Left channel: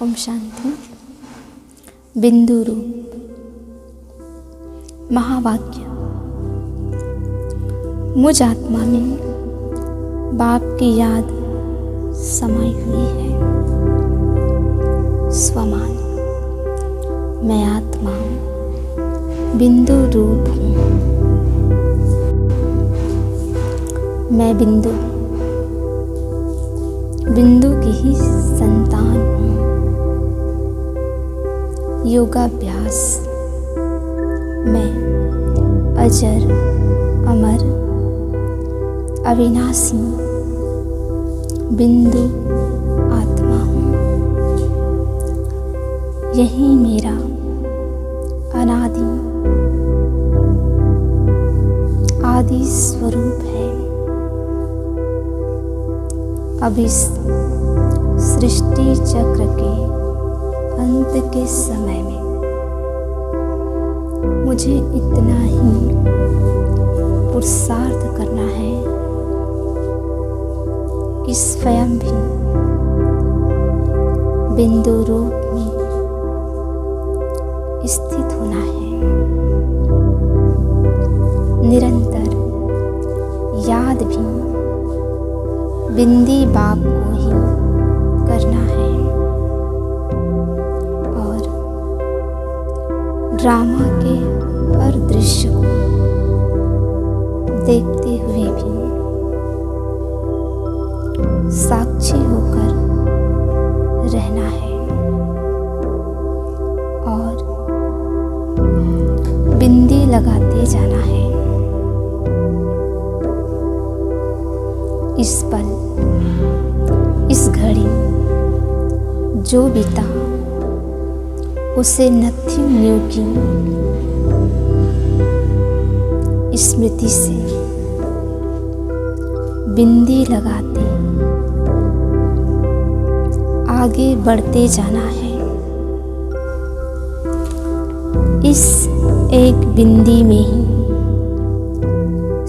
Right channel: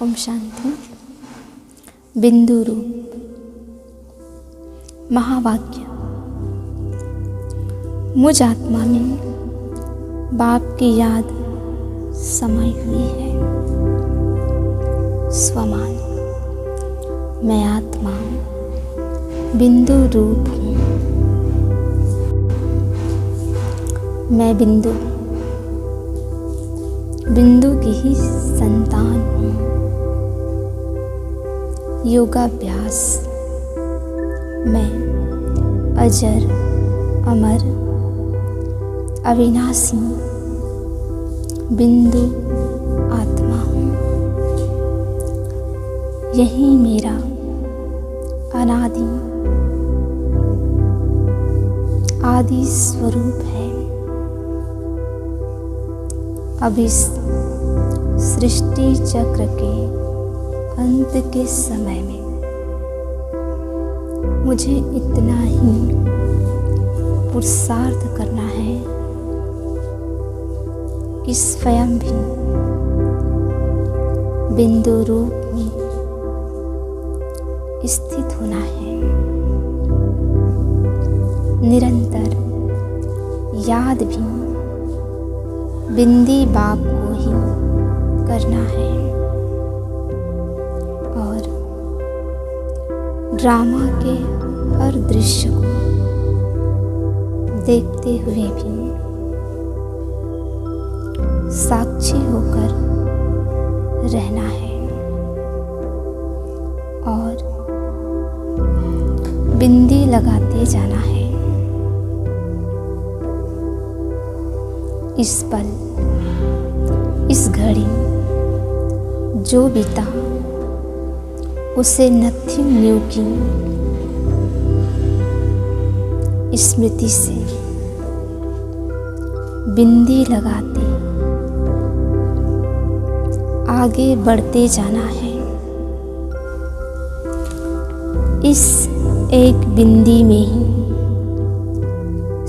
ओम शांति। बिंदु रूप महावाक्य। मुझ आत्मा में बाप की याद समाई हुई है। स्वमान। मैं आत्मा बिंदु रूप हूँ। मैं बिंदु की ही संतान हूँ। योगाभ्यास। मैं अजर अमर अविनाशी बिंदु आत्मा हूँ। यही मेरा अनादि आदि स्वरूप है। अब इस सृष्टि चक्र के अंत के समय में मुझे इतना ही पुरुषार्थ करना है कि स्वयं भी बिंदु रूप में स्थित होना है। निरंतर याद भी बिंदी बाप को ही करना है और ड्रामा के हर दृश्य को देखते हुए भी साक्षी होकर रहना है और बिंदी लगाते जाना है। इस पल इस घड़ी जो बीता उसे नथिंग न्यू की स्मृति से बिंदी लगाते आगे बढ़ते जाना है। इस एक बिंदी में ही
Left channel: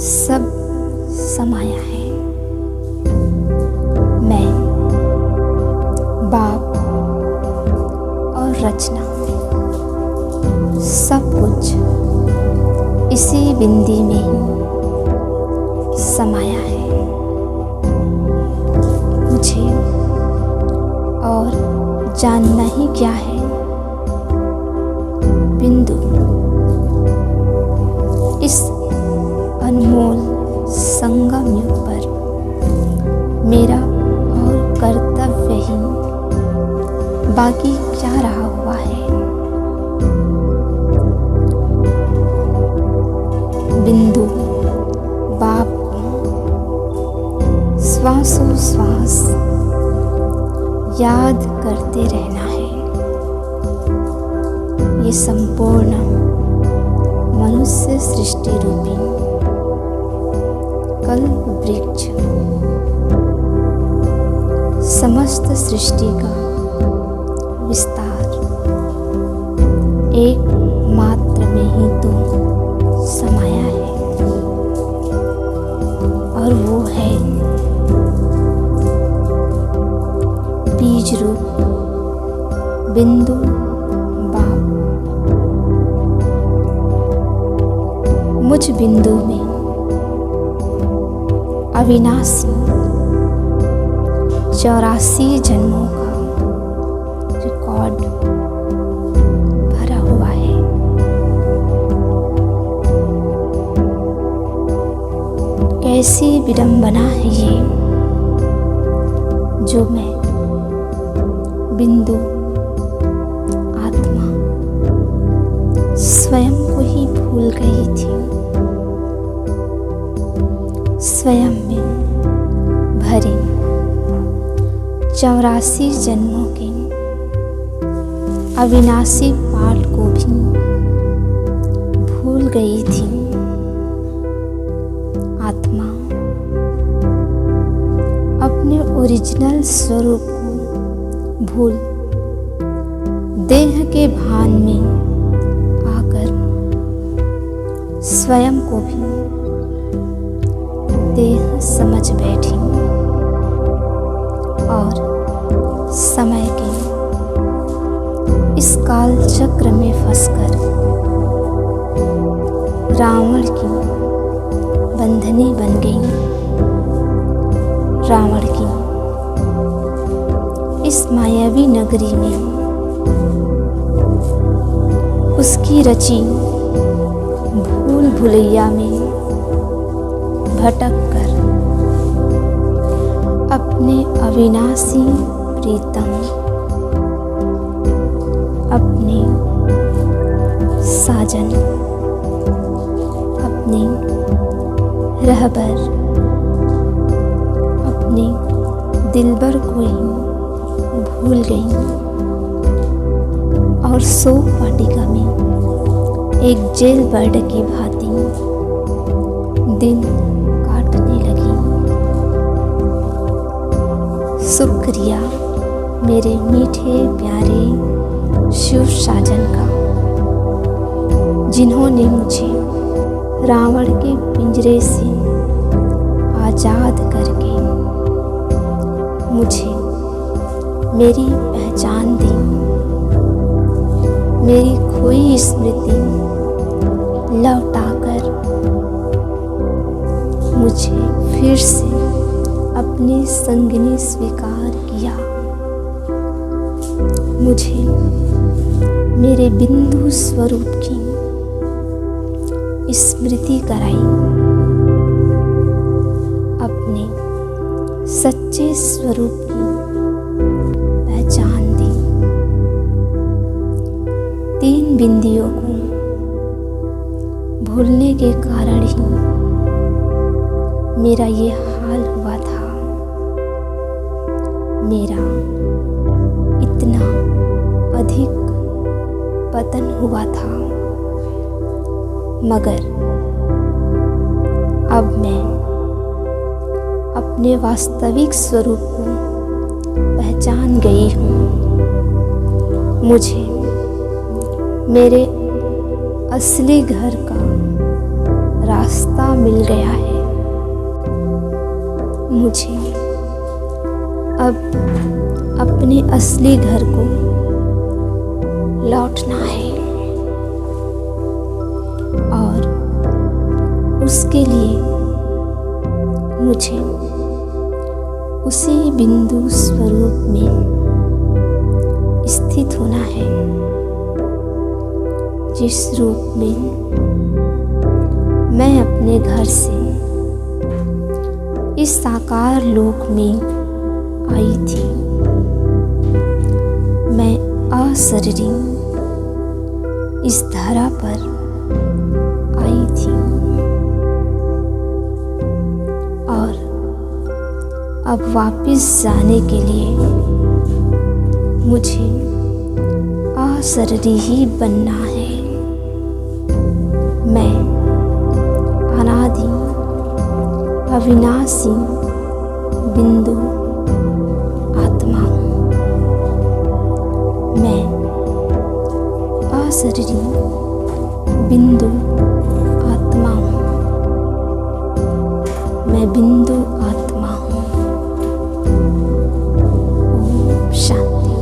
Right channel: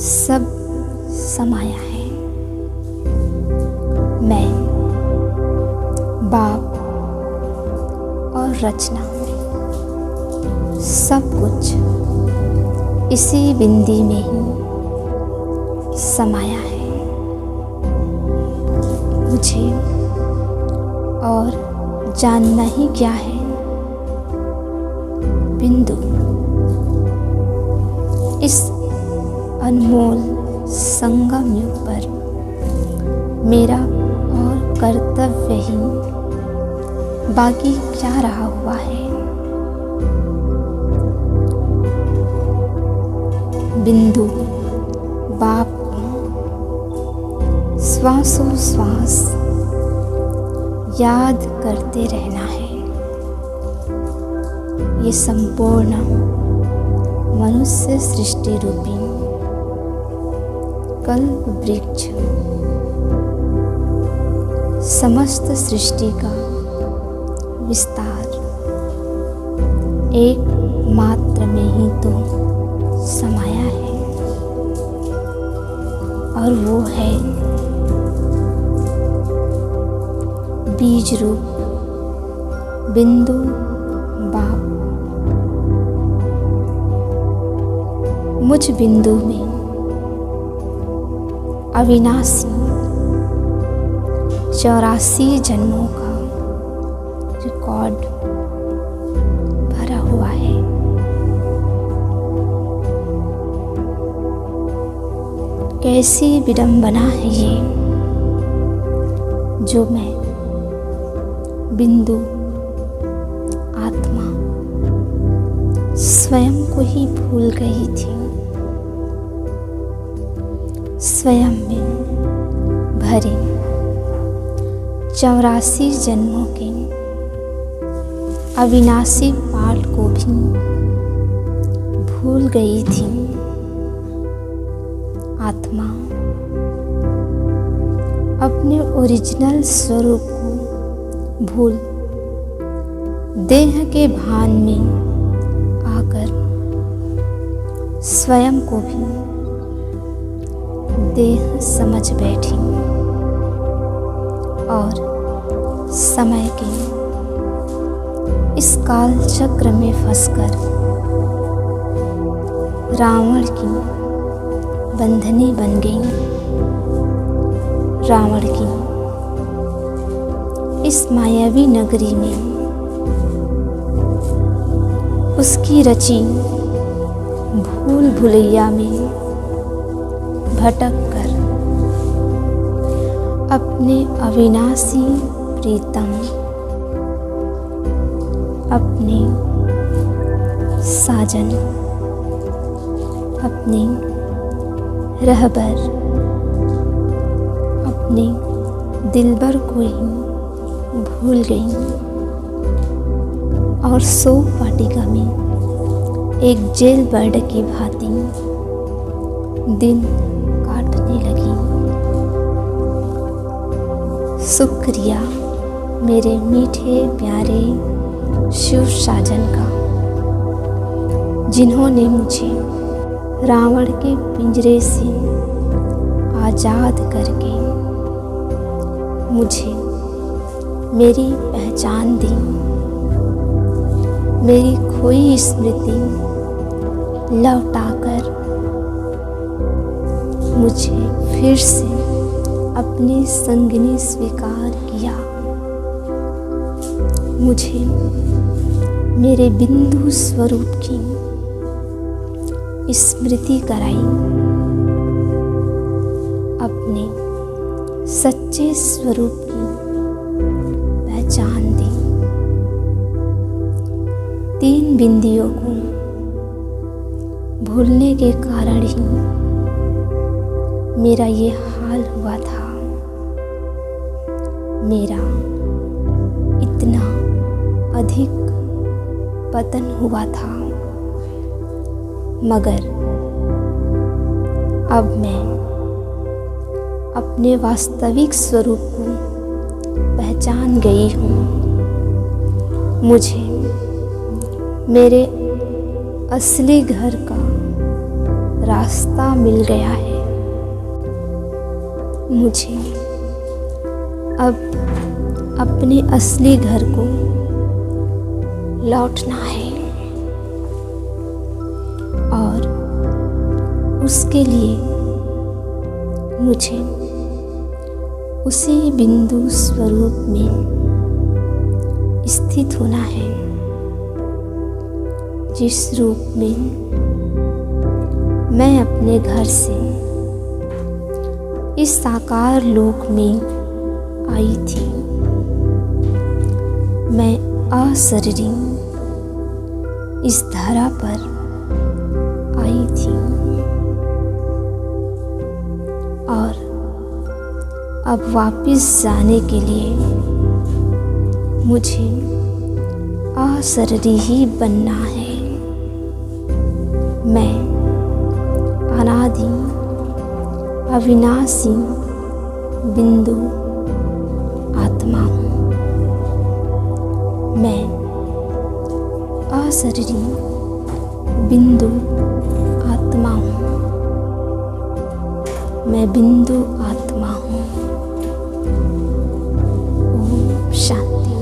सब समाया है। मैं बाप और रचना सब कुछ इसी बिंदी में ही समाया है। मुझे और जानना ही क्या है। बिंदु इस अनमोल संगम युग पर मेरा और कर्तव्य ही बाकी क्या रहा हुआ है। बिंदु बाप को श्वासोश्वास याद करते रहना है। ये संपूर्ण मनुष्य सृष्टि रूपी कल्प वृक्ष समस्त सृष्टि का विस्तार एक मात्र में ही तो समाया है और वो है बीज रूप बिंदु बाप। मुझ बिंदु में अविनाशी 84 जन्मों का रिकॉर्ड भरा हुआ है। कैसी विडंबना है ये जो मैं बिंदु आत्मा स्वयं को ही भूल गई थी। स्वयं में भरे 84 जन्मों के अविनाशी पाठ को भी भूल गई थी। आत्मा अपने ओरिजिनल स्वरूप को भूल देह के भान में आकर स्वयं को भी देह समझ बैठी और समय के इस काल चक्र में फंसकर रावण की बंधनी बन गई। रावण की इस मायावी नगरी में उसकी रची भूल भुलैया में भटक कर अपने अविनाशी प्रीतम, अपने साजन, अपने रहबर, अपने दिलबर को ही भूल गई और शोक वाटिका में एक जेल बर्ड की भांति दिन काटने लगी। शुक्रिया मेरे मीठे प्यारे शिव साजन का, जिन्होंने मुझे रावण के पिंजरे से आज़ाद करके मुझे मेरी पहचान दी, मेरी खोई स्मृति लौटाकर मुझे फिर से अपनी संगिनी स्वीकार किया, मुझे मेरे बिंदु स्वरूप की स्मृति कराई, अपने सच्चे स्वरूप की पहचान दी। 3 बिंदियों को भूलने के कारण ही मेरा ये हाल हुआ था। मेरा इतना अधिक पतन हुआ था, मगर अब मैं अपने वास्तविक स्वरूप को पहचान गई हूँ। मुझे मेरे असली घर का रास्ता मिल गया है। मुझे अब अपने असली घर को लौटना है और उसके लिए मुझे उसी बिंदु स्वरूप में स्थित होना है जिस रूप में मैं अपने घर से इस साकार लोक में आई थी। मैं अशरीरी इस धरा पर आई थी और अब वापस जाने के लिए मुझे अशरीरी ही बनना है। मैं अनादि अविनाशी बिंदु आत्मा हूँ। मैं अशरीरी बिंदु आत्मा हूँ। मैं बिंदु आत्मा हूँ। ओम शांति।